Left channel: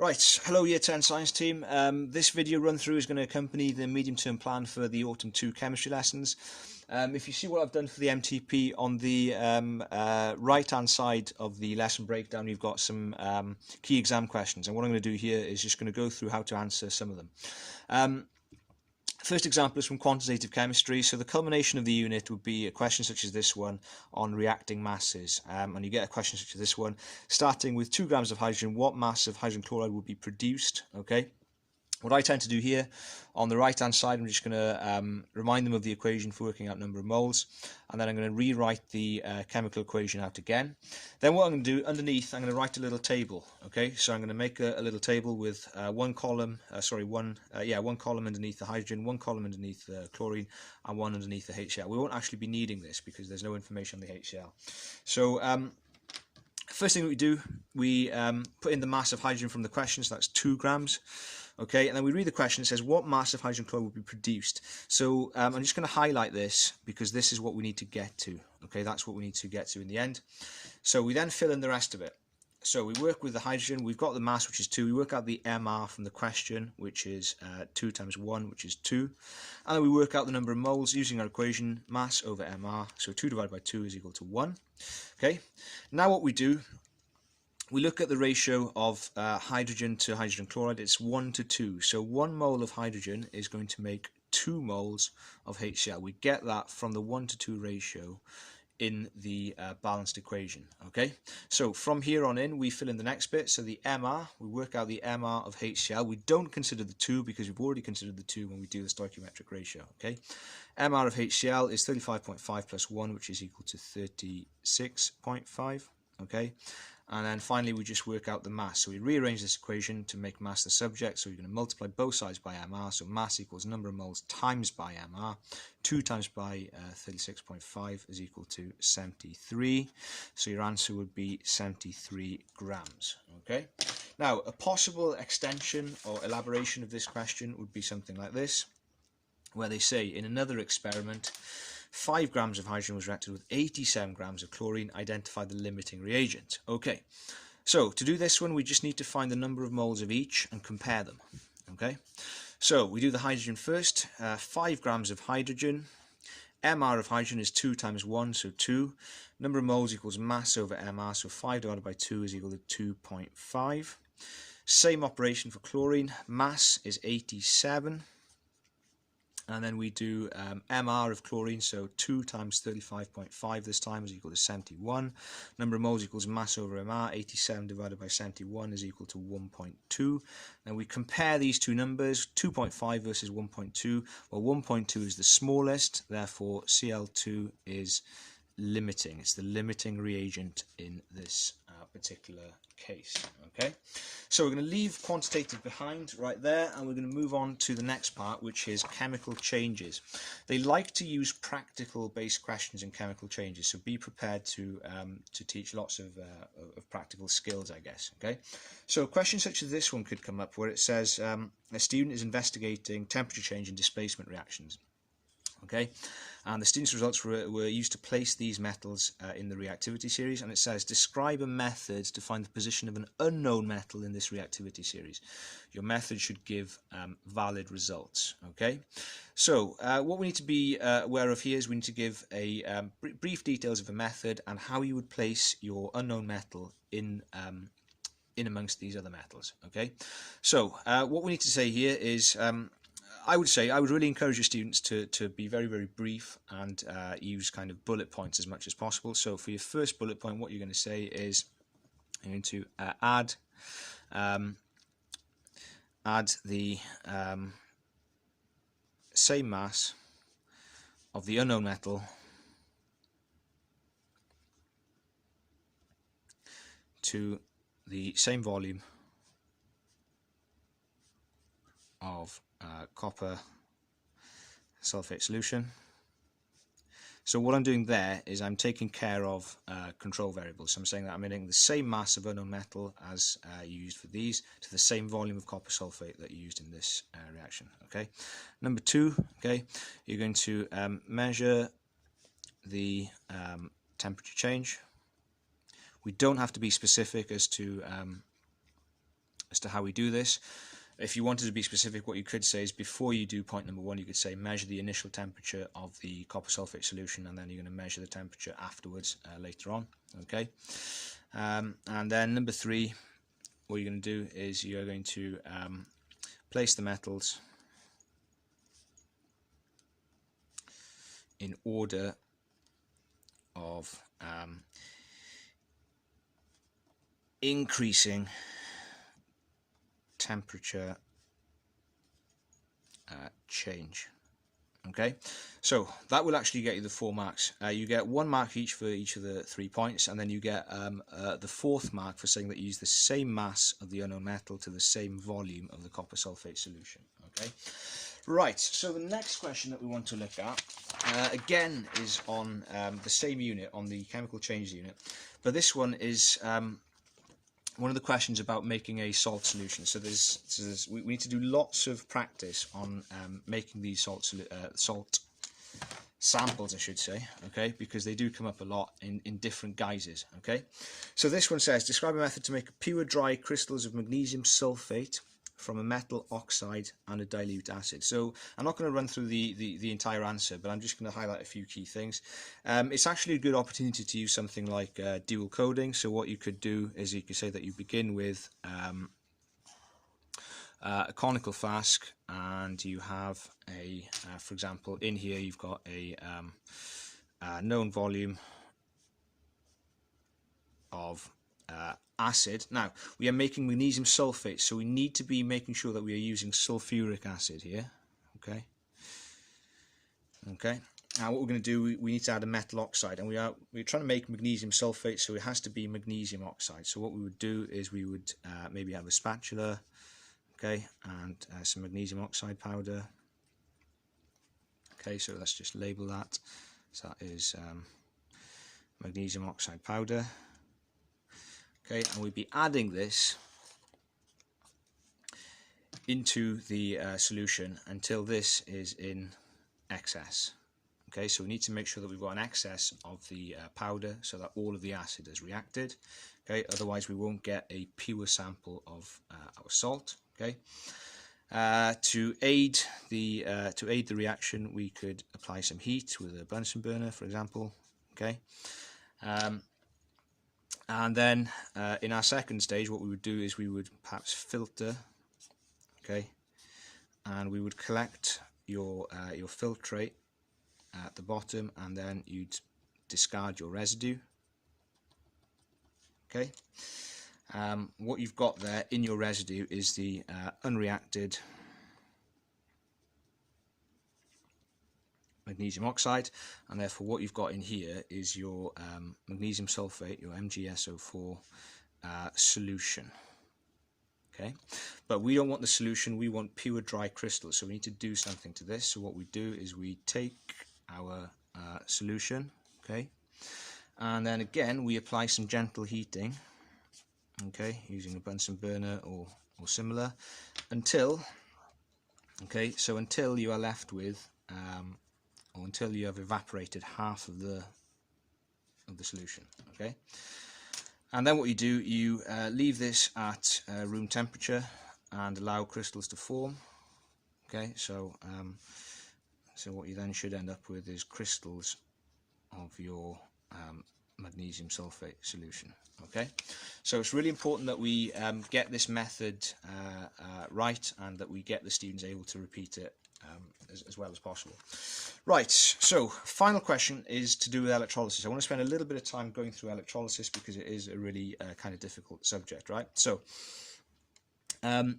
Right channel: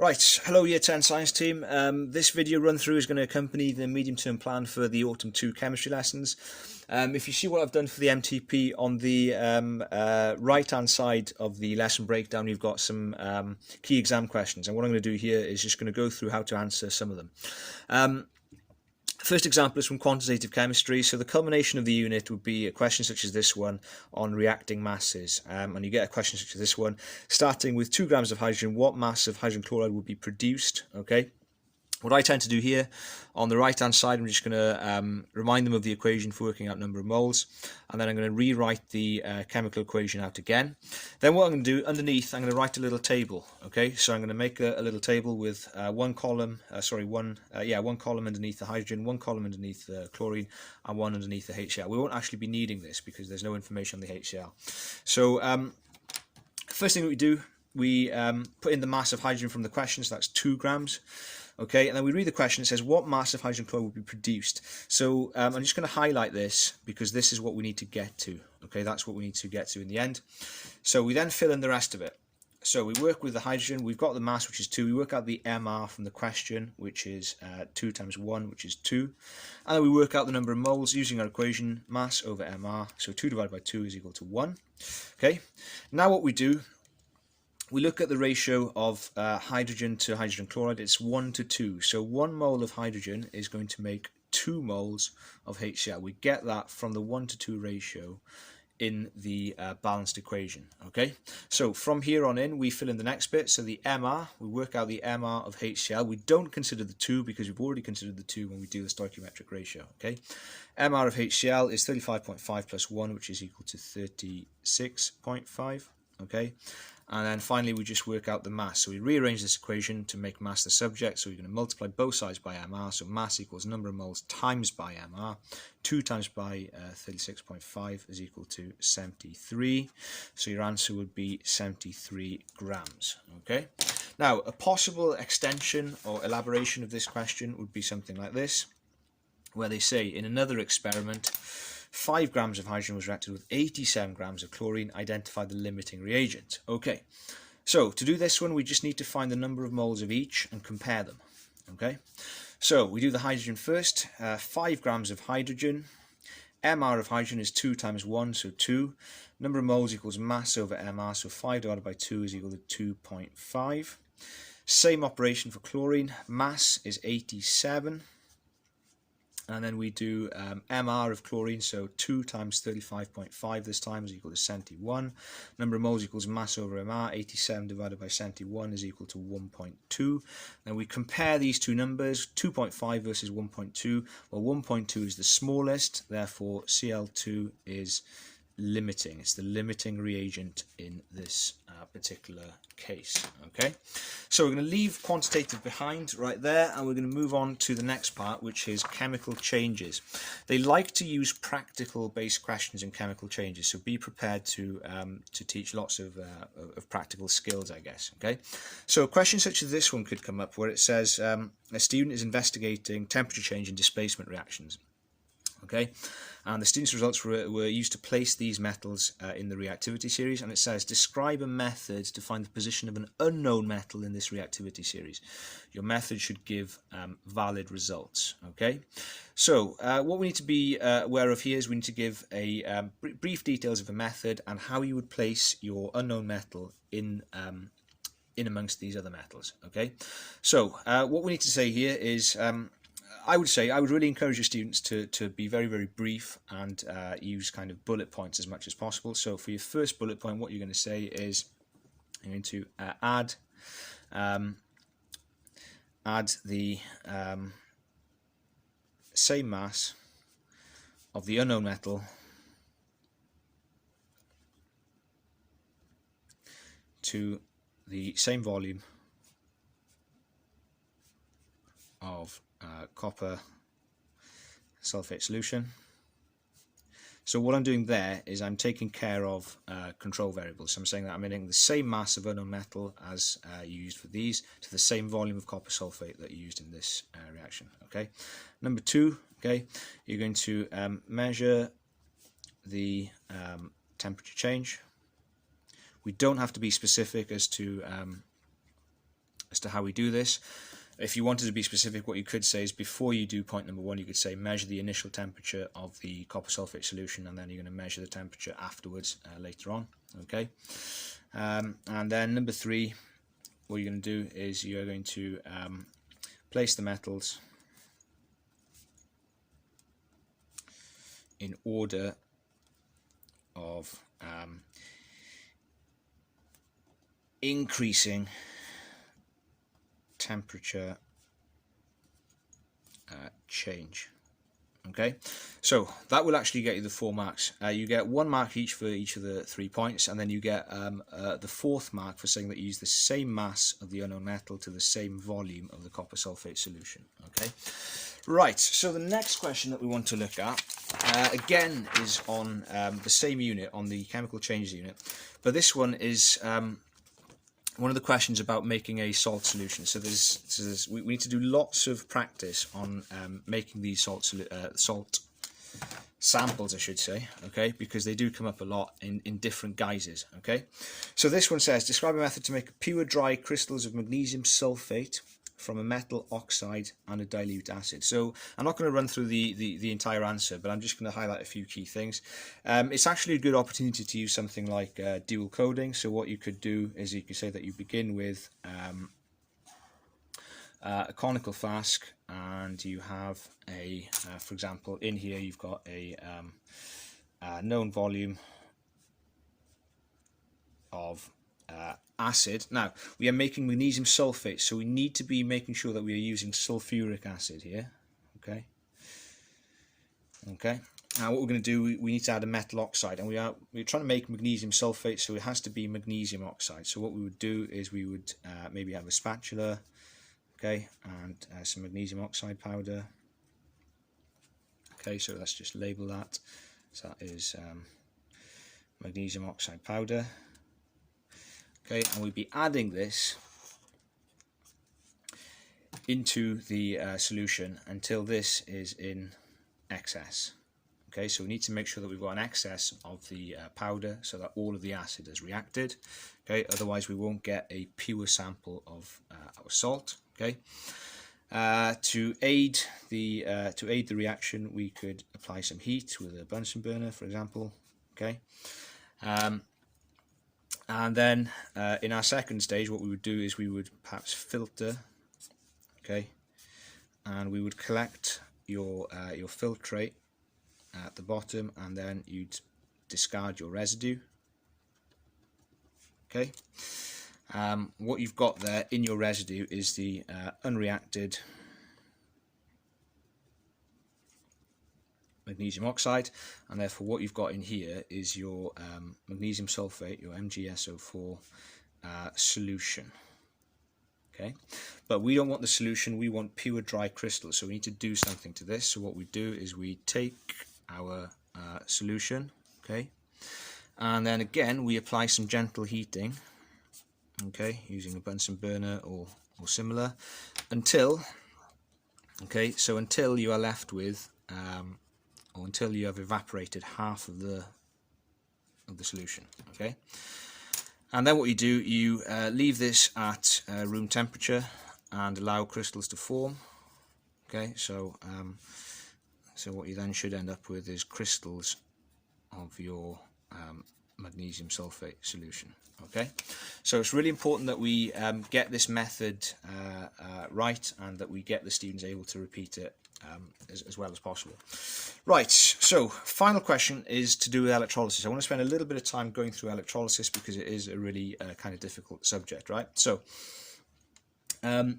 Right, hello Year 10 Science team. This video run through is going to accompany the medium term plan for the Autumn 2 chemistry lessons. If you see what I've done for the MTP on the right hand side of the lesson breakdown, you've got some key exam questions, and what I'm going to do here is just going to go through how to answer some of them. First example is from quantitative chemistry. So the culmination of the unit would be a question such as this one on reacting masses. And you get a question such as this one, starting with 2 grams of hydrogen, what mass of hydrogen chloride would be produced? Okay. What I tend to do here, on the right hand side, I'm just going to remind them of the equation for working out number of moles, and then I'm going to rewrite the chemical equation out again. Then what I'm going to do underneath, I'm going to write a little table. Okay, so I'm going to make a little table with one column underneath the hydrogen, one column underneath the chlorine, and one underneath the HCl. We won't actually be needing this because there's no information on the HCl. So first thing that we do, we put in the mass of hydrogen from the question, so that's 2 grams. Okay, and then we read the question. It says, what mass of hydrogen chloride will be produced? So I'm just going to highlight this because this is what we need to get to. Okay, that's what we need to get to in the end. So we then fill in the rest of it. So we work with the hydrogen. We've got the mass, which is 2. We work out the MR from the question, which is 2 times 1, which is 2. And then we work out the number of moles using our equation, mass over MR. So 2 divided by 2 is equal to 1. Okay, now what we do, we look at the ratio of hydrogen to hydrogen chloride. It's 1 to 2. So 1 mole of hydrogen is going to make 2 moles of HCl. We get that from the 1 to 2 ratio in the balanced equation. Okay, so from here on in, we fill in the next bit. So the MR, we work out the MR of HCl. We don't consider the 2 because we've already considered the 2 when we do the stoichiometric ratio. Okay, MR of HCl is 35.5 plus 1, which is equal to 36.5. Okay. And then finally, we just work out the mass. So we rearrange this equation to make mass the subject. So we're going to multiply both sides by MR. So mass equals number of moles times by MR. 2 times by 36.5 is equal to 73. So your answer would be 73 grams. Okay. Now, a possible extension or elaboration of this question would be something like this, where they say in another experiment, 5 grams of hydrogen was reacted with 87 grams of chlorine. Identify the limiting reagent. Okay, so to do this one, we just need to find the number of moles of each and compare them. Okay, so we do the hydrogen first. 5 grams of hydrogen. MR of hydrogen is 2 times 1, so 2. Number of moles equals mass over MR, so 5 divided by 2 is equal to 2.5. Same operation for chlorine. Mass is 87. And then we do MR of chlorine, so 2 times 35.5 this time is equal to 71. Number of moles equals mass over MR, 87 divided by 71 is equal to 1.2. And we compare these two numbers, 2.5 versus 1.2. Well, 1.2 is the smallest, therefore Cl2 is limiting. It's the limiting reagent in this particular case. Okay, so we're going to leave quantitative behind right there, and we're going to move on to the next part, which is chemical changes. They like to use practical based questions in chemical changes, so be prepared to teach lots of practical skills, I guess. Okay, so a question such as this one could come up, where it says a student is investigating temperature change and displacement reactions. Okay, and the student's results were used to place these metals in the reactivity series, and it says describe a method to find the position of an unknown metal in this reactivity series. Your method should give valid results. Okay, so what we need to be aware of here is we need to give a brief details of a method and how you would place your unknown metal in amongst these other metals. Okay, so what we need to say here is I would really encourage your students to be very, very brief and use kind of bullet points as much as possible. So for your first bullet point, what you're going to say is you're going to add the same mass of the unknown metal to the same volume of copper sulfate solution. So what I'm doing there is I'm taking care of control variables. So I'm saying that I'm adding the same mass of unknown metal as you used for these to the same volume of copper sulfate that you used in this reaction. Okay. Number 2, okay, you're going to measure the temperature change. We don't have to be specific as to as to how we do this. If you wanted to be specific, what you could say is before you do point number 1, you could say measure the initial temperature of the copper sulfate solution, and then you're going to measure the temperature afterwards later on. Okay, and then number 3, what you're going to do is you're going to place the metals in order of increasing temperature change. Okay, so that will actually get you the 4 marks. You get 1 mark each for each of the 3 points, and then you get the 4th mark for saying that you use the same mass of the unknown metal to the same volume of the copper sulfate solution. Okay, right, so the next question that we want to look at again is on the same unit, on the chemical change unit, but this one is one of the questions about making a salt solution. So we need to do lots of practice on making these salt samples, I should say, okay, because they do come up a lot in different guises. Okay, so this one says, describe a method to make pure dry crystals of magnesium sulfate from a metal oxide and a dilute acid. So I'm not going to run through the entire answer, but I'm just going to highlight a few key things. It's actually a good opportunity to use something like dual coding. So what you could do is you could say that you begin with a conical flask, and you have a, for example, in here you've got a known volume of acid. Now, we are making magnesium sulfate, so we need to be making sure that we are using sulfuric acid here. Okay. Now, what we're going to do, we need to add a metal oxide, and we're trying to make magnesium sulfate, so it has to be magnesium oxide. So what we would do is we would maybe have a spatula, okay, and some magnesium oxide powder. Okay, so let's just label that. So that is magnesium oxide powder. Okay, and we'd be adding this into the solution until this is in excess. Okay, so we need to make sure that we've got an excess of the powder so that all of the acid is reacted. Okay, otherwise we won't get a pure sample of our salt. Okay, to aid the reaction, we could apply some heat with a Bunsen burner, for example. Okay. And then in our second stage, what we would do is we would perhaps filter, okay, and we would collect your filtrate at the bottom, and then you'd discard your residue. Okay, what you've got there in your residue is the unreacted magnesium oxide, and therefore what you've got in here is your magnesium sulfate, your MgSO4 solution. Okay, but we don't want the solution, we want pure dry crystals, so we need to do something to this. So what we do is we take our solution, okay, and then again we apply some gentle heating, okay, using a Bunsen burner or similar, until you are left with or until you have evaporated half of the solution. Okay, and then what you do, you leave this at room temperature and allow crystals to form. Okay, so what you then should end up with is crystals of your magnesium sulfate solution. Okay, so it's really important that we get this method right, and that we get the students able to repeat it as well as possible. Right, so final question is to do with electrolysis. I want to spend a little bit of time going through electrolysis because it is a really kind of difficult subject, right? So a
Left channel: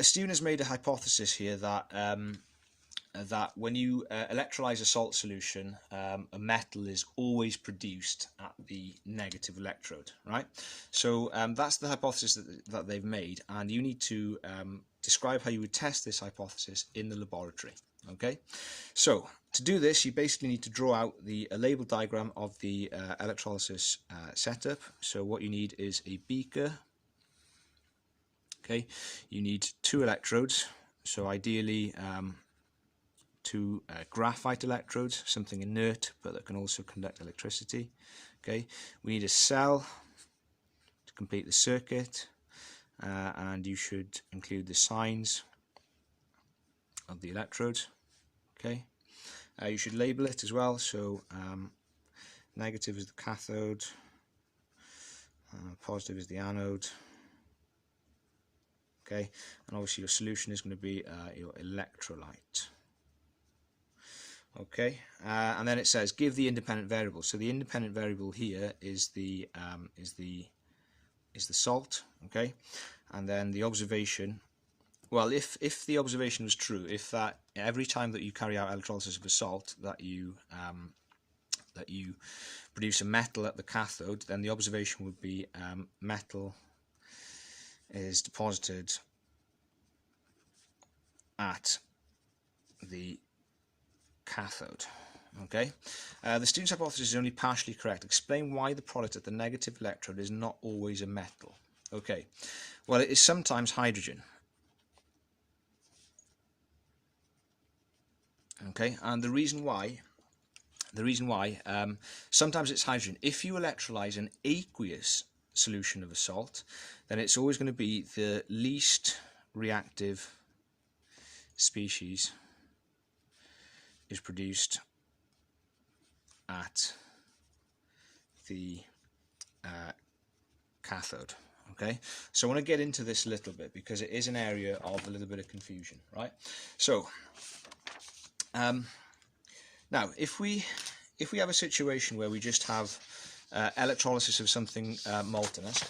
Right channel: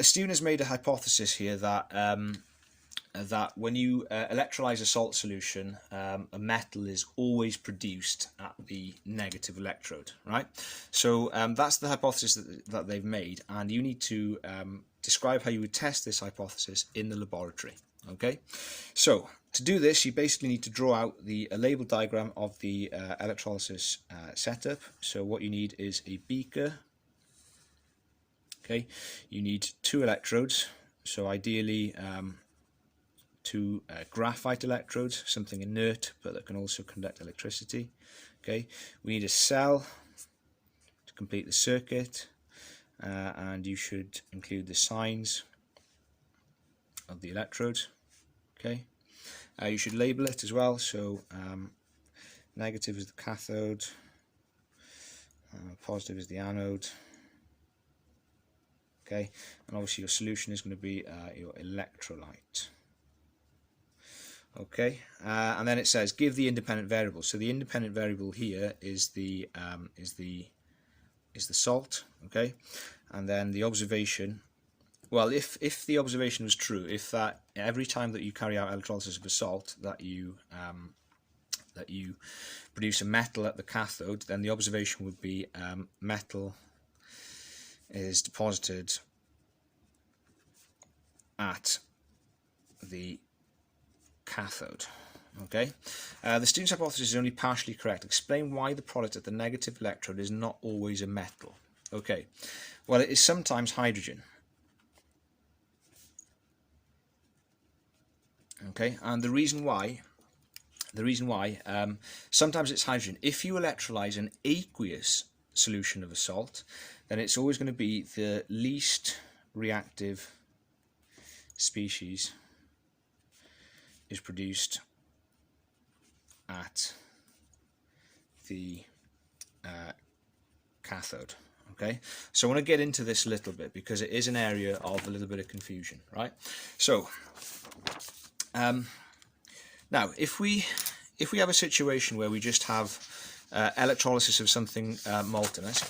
student has made a hypothesis here that that when you electrolyze a salt solution, a metal is always produced at the negative electrode, right? So that's the hypothesis that they've made, and you need to describe how you would test this hypothesis in the laboratory. Okay, so to do this, you basically need to draw out a label diagram of the electrolysis setup. So what you need is a beaker. Okay, you need 2 electrodes, so ideally 2 graphite electrodes, something inert but that can also conduct electricity. Okay, we need a cell to complete the circuit, and you should include the signs of the electrode. Okay, you should label it as well, so negative is the cathode, positive is the anode. Okay, and obviously your solution is going to be your electrolyte. Okay, and then it says give the independent variable. So the independent variable here is the salt. Okay, and then the observation. Well, if the observation was true, if that every time that you carry out electrolysis of a salt that you produce a metal at the cathode, then the observation would be metal is deposited at the cathode. Okay, the student's hypothesis is only partially correct. Explain why the product at the negative electrode is not always a metal. Okay, well, it is sometimes hydrogen. Okay, and the reason why sometimes it's hydrogen. If you electrolyze an aqueous solution of a salt, then it's always going to be the least reactive species is produced at the cathode. Okay, so I want to get into this a little bit because it is an area of a little bit of confusion, right? So now if we have a situation where we just have electrolysis of something molten, let's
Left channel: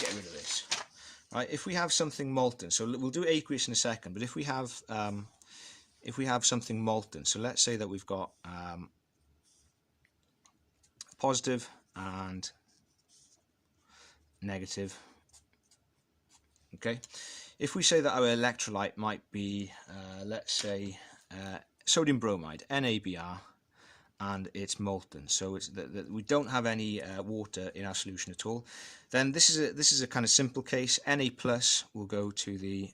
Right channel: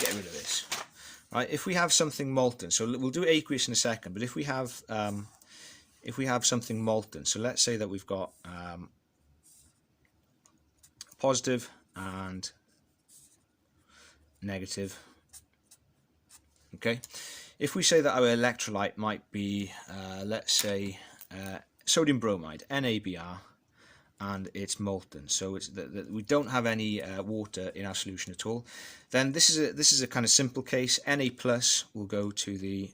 get rid of this. Right, if we have something molten, so we'll do aqueous in a second, but if we have something molten, so let's say that we've got positive and negative. Okay, if we say that our electrolyte might be, let's say, sodium bromide, NaBr, and it's molten, so it's we don't have any water in our solution at all, then this is a kind of simple case. Na plus will go to the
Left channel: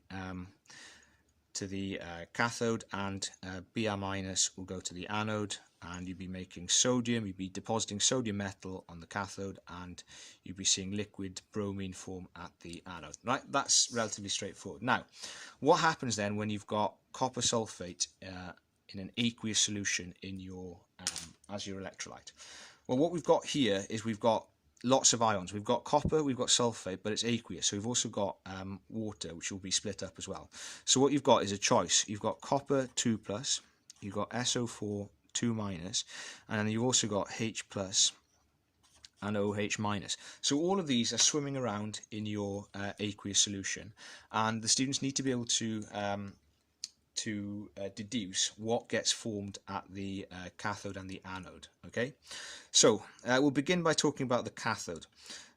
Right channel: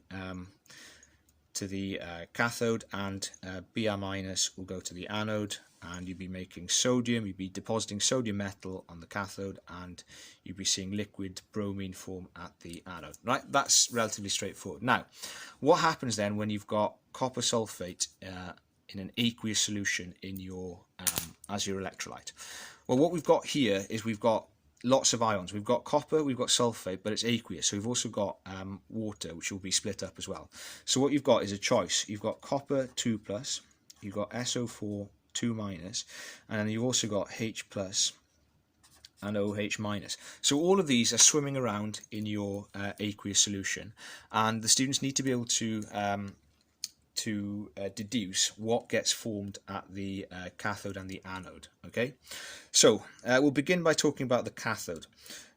cathode, and Br minus will go to the anode, and you'd be making sodium, you'd be depositing sodium metal on the cathode, and you'd be seeing liquid bromine form at the anode. Right, that's relatively straightforward. Now, what happens then when you've got copper sulfate in an aqueous solution in your as your electrolyte? Well, what we've got here is we've got lots of ions. We've got copper, we've got sulfate, but it's aqueous, so we've also got water, which will be split up as well. So what you've got is a choice. You've got copper 2 plus, you've got SO4 2 minus, and then you've also got H plus and OH minus. So all of these are swimming around in your aqueous solution, and the students need to be able to deduce what gets formed at the cathode and the anode. Okay, so we'll begin by talking about the cathode.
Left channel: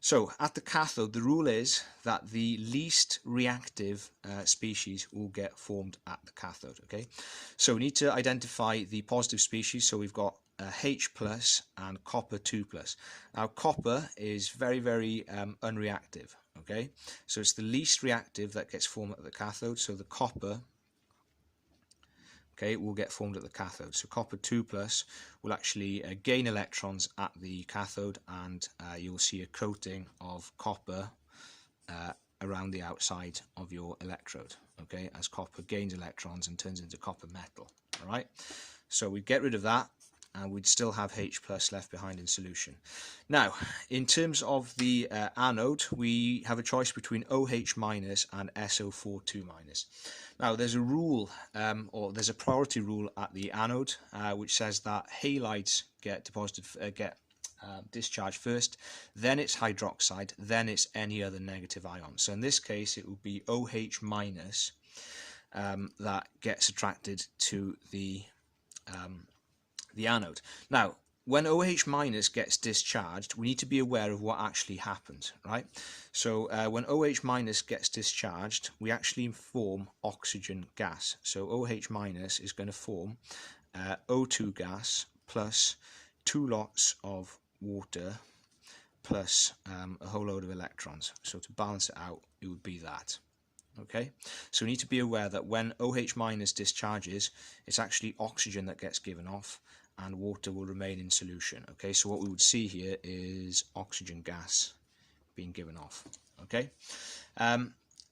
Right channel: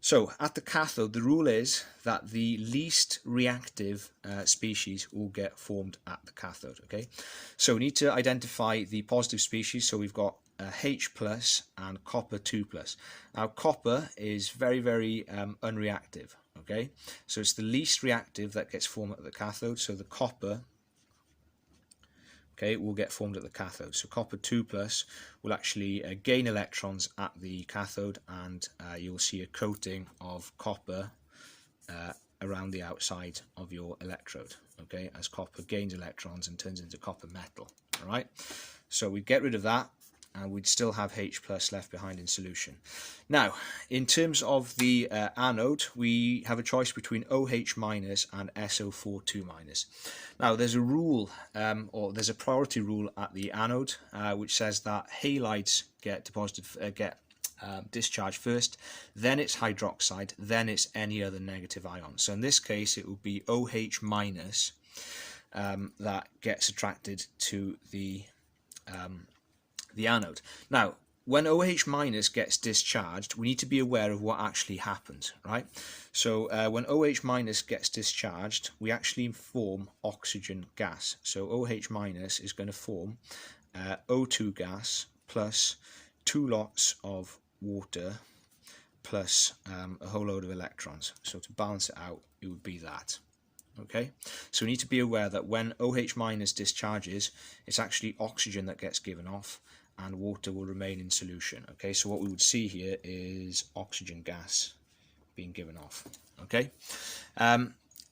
So at the cathode, the rule is that the least reactive species will get formed at the cathode. Okay, so we need to identify the positive species. So we've got H plus and copper 2 plus. Now copper is very, very unreactive. Okay, so it's the least reactive that gets formed at the cathode. So the copper, okay, will get formed at the cathode. So copper 2 plus will actually gain electrons at the cathode, and you'll see a coating of copper around the outside of your electrode, okay, as copper gains electrons and turns into copper metal. All right, so we get rid of that, and we'd still have H plus left behind in solution. Now, in terms of the anode, we have a choice between OH minus and SO4 2 minus. Now, there's a rule, or there's a priority rule at the anode, which says that halides get discharged first, then it's hydroxide, then it's any other negative ion. So in this case, it will be OH minus that gets attracted to the anode. Now, when OH minus gets discharged, we need to be aware of what actually happens, right? So when OH minus gets discharged, we actually form oxygen gas. So OH minus is going to form O2 gas plus 2 lots of water plus a whole load of electrons. So to balance it out, it would be that. Okay, so we need to be aware that when OH minus discharges, it's actually oxygen that gets given off, and water will remain in solution. Okay, so what we would see here is oxygen gas being given off. Okay,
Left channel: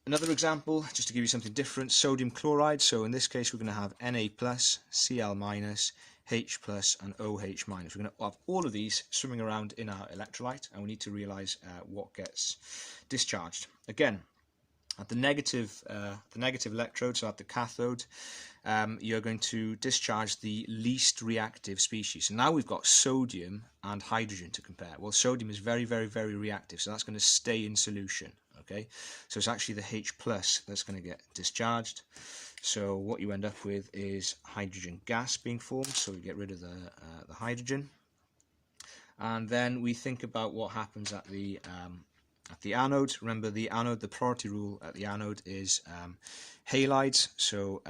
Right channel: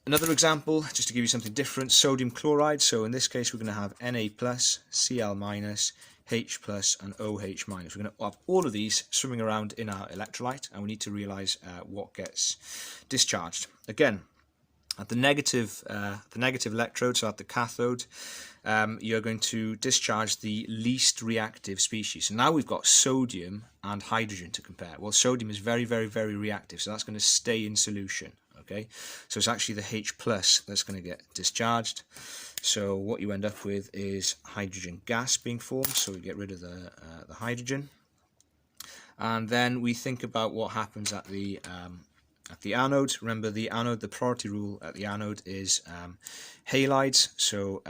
Another example, just to give you something different, sodium chloride. So in this case, we're going to have Na+, Cl-, H+, and OH-. We're going to have all of these swimming around in our electrolyte, and we need to realise what gets discharged. Again, at the negative electrode, so at the cathode, you're going to discharge the least reactive species. So now we've got sodium and hydrogen to compare. Well, sodium is very, very, very reactive, so that's going to stay in solution. Okay, so it's actually the H+ that's going to get discharged. So what you end up with is hydrogen gas being formed. So we get rid of the hydrogen, and then we think about what happens at the anode. Remember, the anode, the priority rule at the anode is halides. So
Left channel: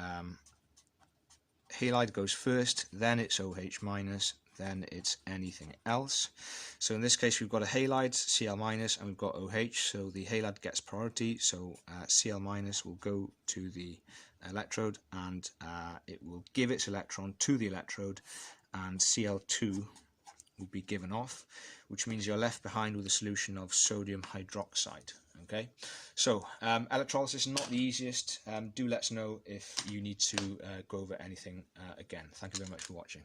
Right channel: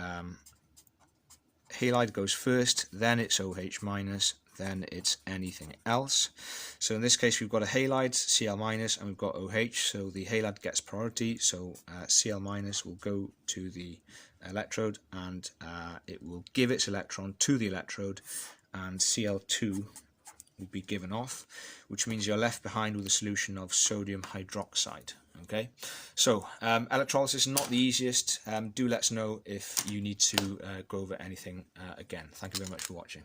halide goes first, then it's OH-, then it's anything else. So in this case, we've got a halide, Cl-, and we've got OH, so the halide gets priority, so Cl- will go to the electrode, and it will give its electron to the electrode, and Cl2 will be given off, which means you're left behind with a solution of sodium hydroxide. Okay, so electrolysis is not the easiest. Do let us know if you need to go over anything again. Thank you very much for watching.